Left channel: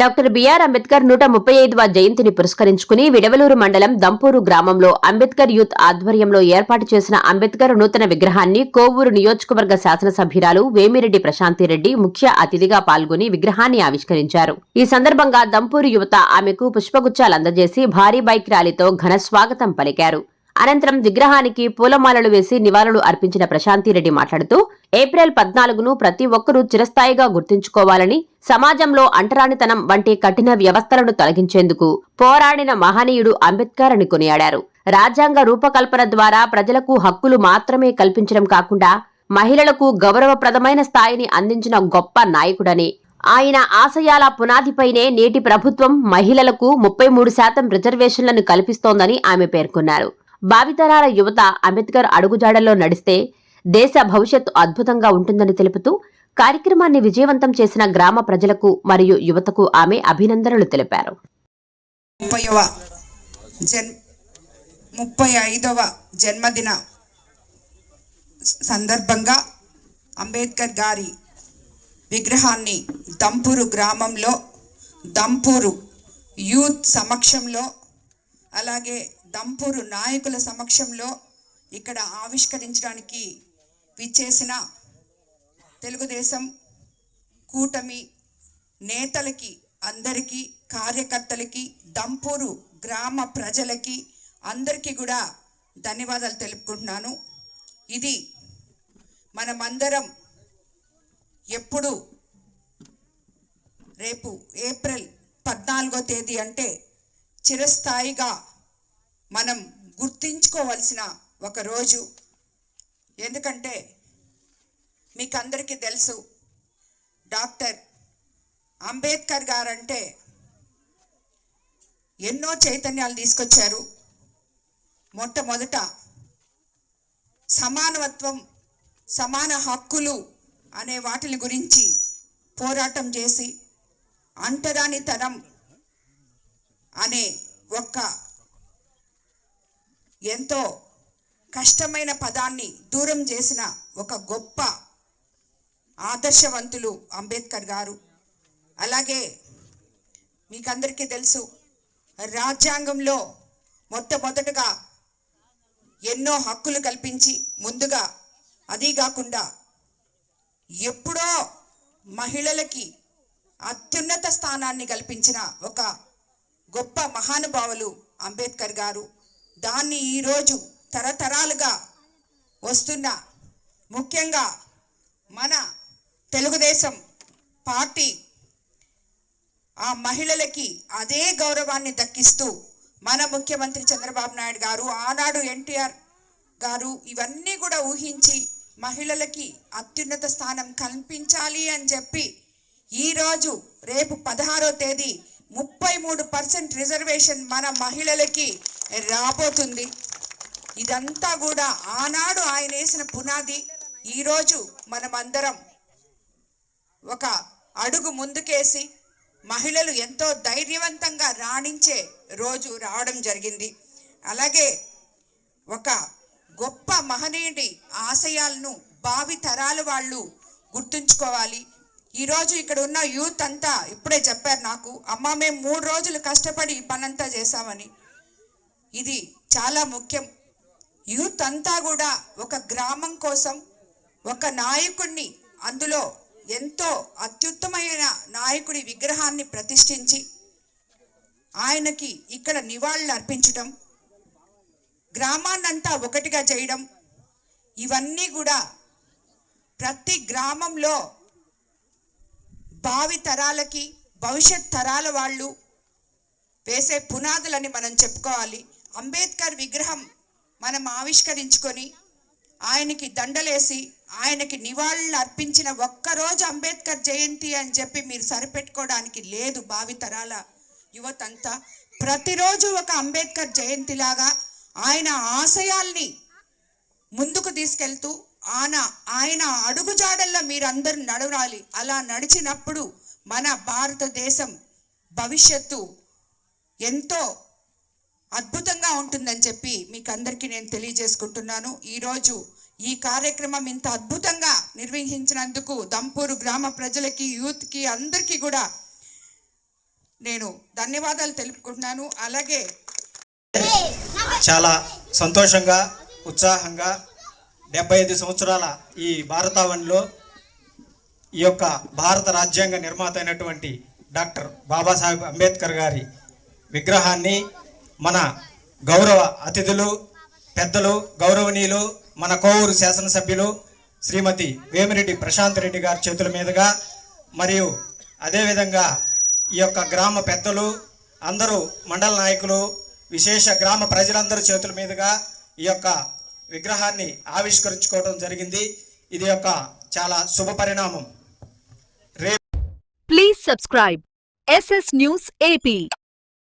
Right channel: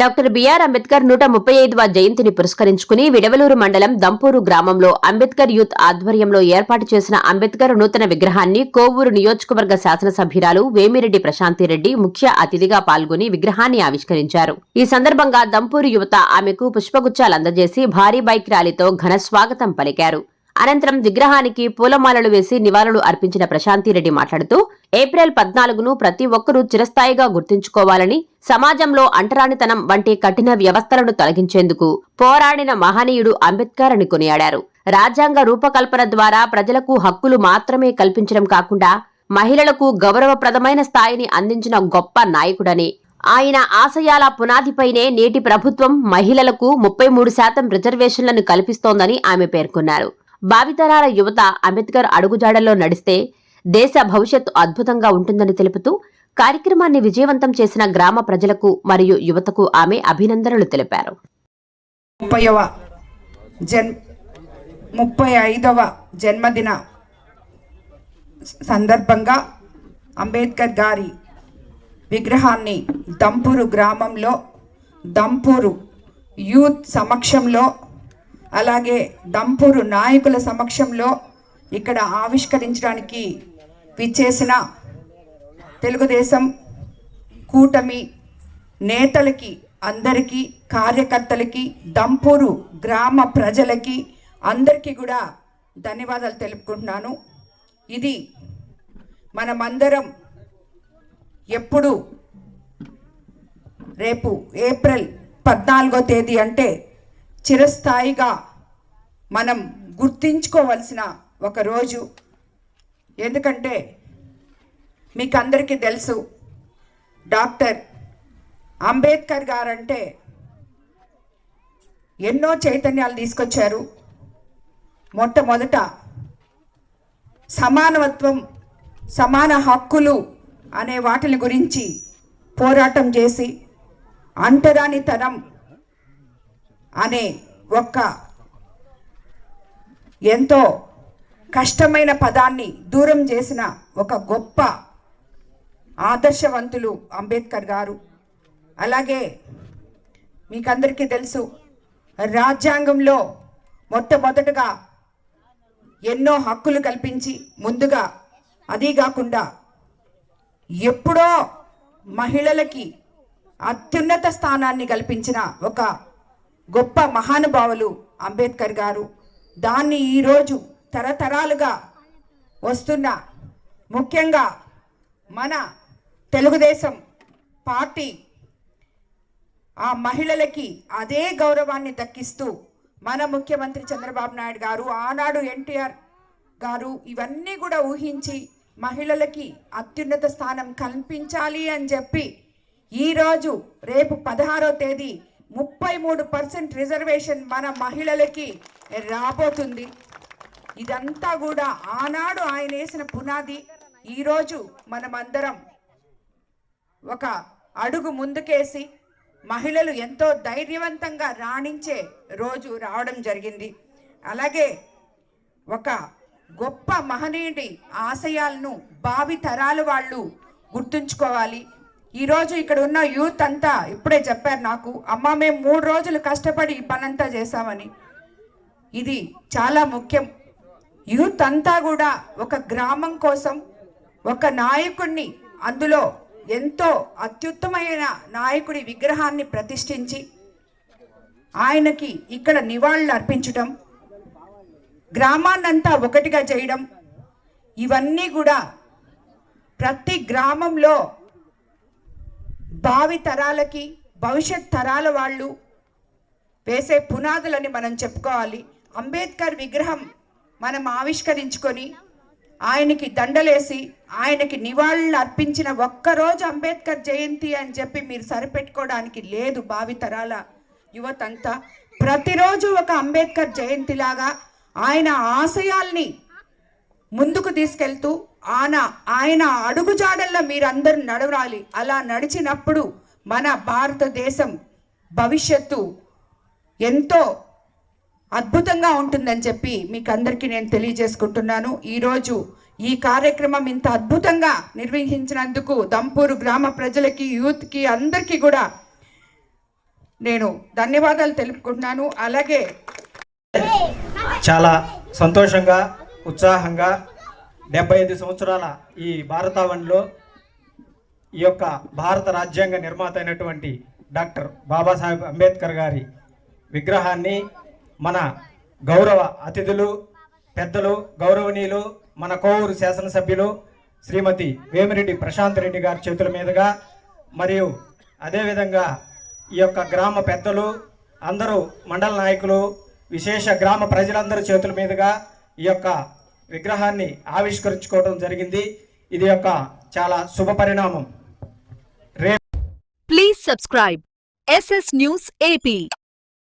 Doctor BR Ambedkar 135వ జయంతిని పురస్కరించుకుని విడవలూరు మండలం దంపూరు గ్రామంలో అంబేద్కర్ యూత్ ఆధ్వర్యంలో ఏర్పాటు చేసిన అంబేద్కర్ నూతన విగ్రహాన్ని కోవూరు నియోజకవర్గ శాసనసభ్యురాలు వేమిరెడ్డి ప్రశాంతిరెడ్డి ముఖ్య అతిథిగా పాల్గొని విగ్రహాన్ని ఆవిష్కరించారు. ఈ సందర్భంగా దంపూరు యువత ఆమెకు పుష్పగుచ్చాలు అందజేసి భారీ బైక్ ర్యాలీతో ఘన స్వాగతం పలికారు. అనంతరం విగ్రహానికి పూలమాలలు వేసి నివాళులు అర్పించిన ప్రశాంతిరెడ్డి మాట్లాడుతూ ఏప్రిల్ 14ను ప్రతి ఒక్కరూ చిరస్థాయిగా గుర్తుంచుకోవాలని, సమాజంలో అంటరానితనం వంటి కఠిన వ్యవస్థలను తొలగించేందుకు పోరాడిన మహనీయుడు అంబేద్కర్ అని కొనియాడారు. రాజ్యాంగ రూపకల్పన ద్వారా ప్రజలకు హక్కులు మాత్రమే కల్పించడం కాకుండా మహిళలకు గౌరవప్రదమైన స్థాయిని అందించిన గొప్ప నాయకుడని, ఆయన ఆశయాల పునాదిపైనే నేటి ప్రభుత్వం మహిళలకు 33% రిజర్వేషన్లను కల్పిస్తోందని ఆమె పేర్కొన్నారు. భావితరాల యువత అంబేద్కర్ అడుగుజాడల్లో నడిస్తే దేశ భవిష్యత్తు అద్భుతంగా ఉంటుందని తెలుపుతూ కార్యక్రమాన్ని విజయవంతం చేసిన గ్రామ ప్రజలకు మరియు యువతకు ఆమె అభినందనలు తెలిపారు. 35వ జన్మదిన సందర్భంగా అంబేద్కర్ గారి విగ్రహాన్ని దంపూరు గ్రామంలో దంపూరు యూత్ సమక్షంలో అలాగే దంపూరు నాయకుల సమక్షంలో ఇక్కడ ఆవిష్కరించడానికి విచ్చేసిన తెలుగుదేశం కూటమి నేతలకి అందరికీ, కార్యకర్తలకి, దంపూరు గ్రామ ప్రజలకి అందరికీ కూడా ధన్యవాదాలు తెలుపుకుంటున్నాను. ఇది మనమందరం ఎప్పుడు రేపు ఏప్రిల్ 14వ తేదీ అంటే చిరస్థాయిగా మనం గుర్తించుకోవలసిన ఒక రోజు. ఎందుకంటే మీకు అందరికీ తెలుసు, డాక్టర్ అంబేద్కర్ గారంటే ఎన్నో చైతన్యాలు తీసుకొచ్చారు. మొట్టమొదట సమానత్వం, సమాన హక్కులు అనే వాటిని గురించి పోరాటం చేసి అంటరానితనం అనే ఒక్క ఎంతో కష్టమైన పదాన్ని దూరం చేసిన ఒక గొప్ప ఆదర్శవంతులు అంబేద్కర్ గారు. అలాగే మీకందరికీ తెలుసు, రాజ్యాంగంలో మొట్టమొదటగా ఎన్నో హక్కులు కల్పించి ముందుగా అదీ కాకుండా ఎప్పుడో మహిళలకి అత్యున్నత స్థానాన్ని కల్పించిన ఒక గొప్ప మహానుభావులు అంబేద్కర్ గారు. దాన్ని ఈరోజు తరతరాలుగా వస్తున్న, ముఖ్యంగా మన తెలుగుదేశం పార్టీ ఆ మహిళలకి అదే గౌరవాన్ని దక్కిస్తూ మన ముఖ్యమంత్రి చంద్రబాబు నాయుడు గారు, ఆనాడు ఎన్టీఆర్ గారు ఇవన్నీ కూడా ఊహించి మహిళలకి అత్యున్నత స్థానం కల్పించాలి అని చెప్పి ఈరోజు రేపు 16వ తేదీ 33% రిజర్వేషన్ మన మహిళలకి రాబోతుంది. ఇదంతా కూడా ఆనాడు ఆయన వేసిన పునాది. ఈరోజు మనమందరం ఒక అడుగు ముందుకేసి మహిళలు ఎంతో ధైర్యవంతంగా రాణించే రోజు రావడం జరిగింది. అలాగే ఒక గొప్ప మహనీయుడి ఆశయాలను భావి తరాల వాళ్ళు గుర్తుంచుకోవాలి. ఈరోజు ఇక్కడ ఉన్న యూత్ అంతా ఇప్పుడే చెప్పారు నాకు, అమ్మ మేము 3 రోజులు కష్టపడి ఈ పనంతా చేశామని. ఇది చాలా ముఖ్యం. యూత్ అంతా కూడా ఒక గ్రామం కోసం ఒక నాయకుడిని, అందులో ఎంతో అత్యుత్తమైన నాయకుడి విగ్రహాన్ని ప్రతిష్ఠించి ఆయనకి ఇక్కడ నివాళులు అర్పించడం, గ్రామాన్నంతా ఒకటిగా చేయడం, ఇవన్నీ కూడా ప్రతి గ్రామంలో భావి తరాలకి, భవిష్యత్ తరాల వాళ్ళు వేసే పునాదులని మనం చెప్పుకోవాలి. అంబేద్కర్ విగ్రహం మనం ఆవిష్కరించుకొని ఆయనకి దండలేసి ఆయనకి నివాళులు అర్పించిన ఒక్కరోజు అంబేద్కర్ జయంతి అని చెప్పి మీరు సరిపెట్టుకోవడానికి లేదు. భావి తరాల యువతంతా ప్రతిరోజు ఒక అంబేద్కర్ జయంతిలాగా ఆయన ఆశయాల్ని ముందుకు తీసుకెళ్తూ ఆయన అడుగుజాడల్లో మీరందరూ నడవాలి. అలా నడిచినప్పుడు మన భారతదేశం భవిష్యత్తు ఎంతో అద్భుతంగా ఉంటుందని చెప్పి మీకు అందరికీ నేను తెలియజేసుకుంటున్నాను. ఈరోజు ఈ కార్యక్రమం ఇంత అద్భుతంగా నిర్వహించినందుకు దంపూరు గ్రామ ప్రజలకి, యూత్కి అందరికీ కూడా నేను ధన్యవాదాలు తెలుపుకుంటున్నాను. అలాగే చాలా సంతోషంగా ఉత్సాహంగా 75 సంవత్సరాల ఈ భారతావనిలో ఈ యొక్క భారత రాజ్యాంగ నిర్మాత అయినటువంటి డాక్టర్ బాబాసాహెబ్ అంబేద్కర్ గారి విగ్రహాన్ని మన గౌరవ అతిథులు పెద్దలు గౌరవనీయులు మన కోవూరు శాసనసభ్యులు శ్రీమతి వేమిరెడ్డి ప్రశాంత్ రెడ్డి గారి చేతుల మీదుగా మరియు అదేవిధంగా ఈ యొక్క గ్రామ పెద్దలు అందరూ మండల నాయకులు విశేష గ్రామ ప్రజలందరూ చేతుల మీదుగా ఈ యొక్క విగ్రహాన్ని ఆవిష్కరించుకోవడం జరిగింది. ఇది యొక్క చాలా శుభ పరిణామం. Please subscribe SS News AP.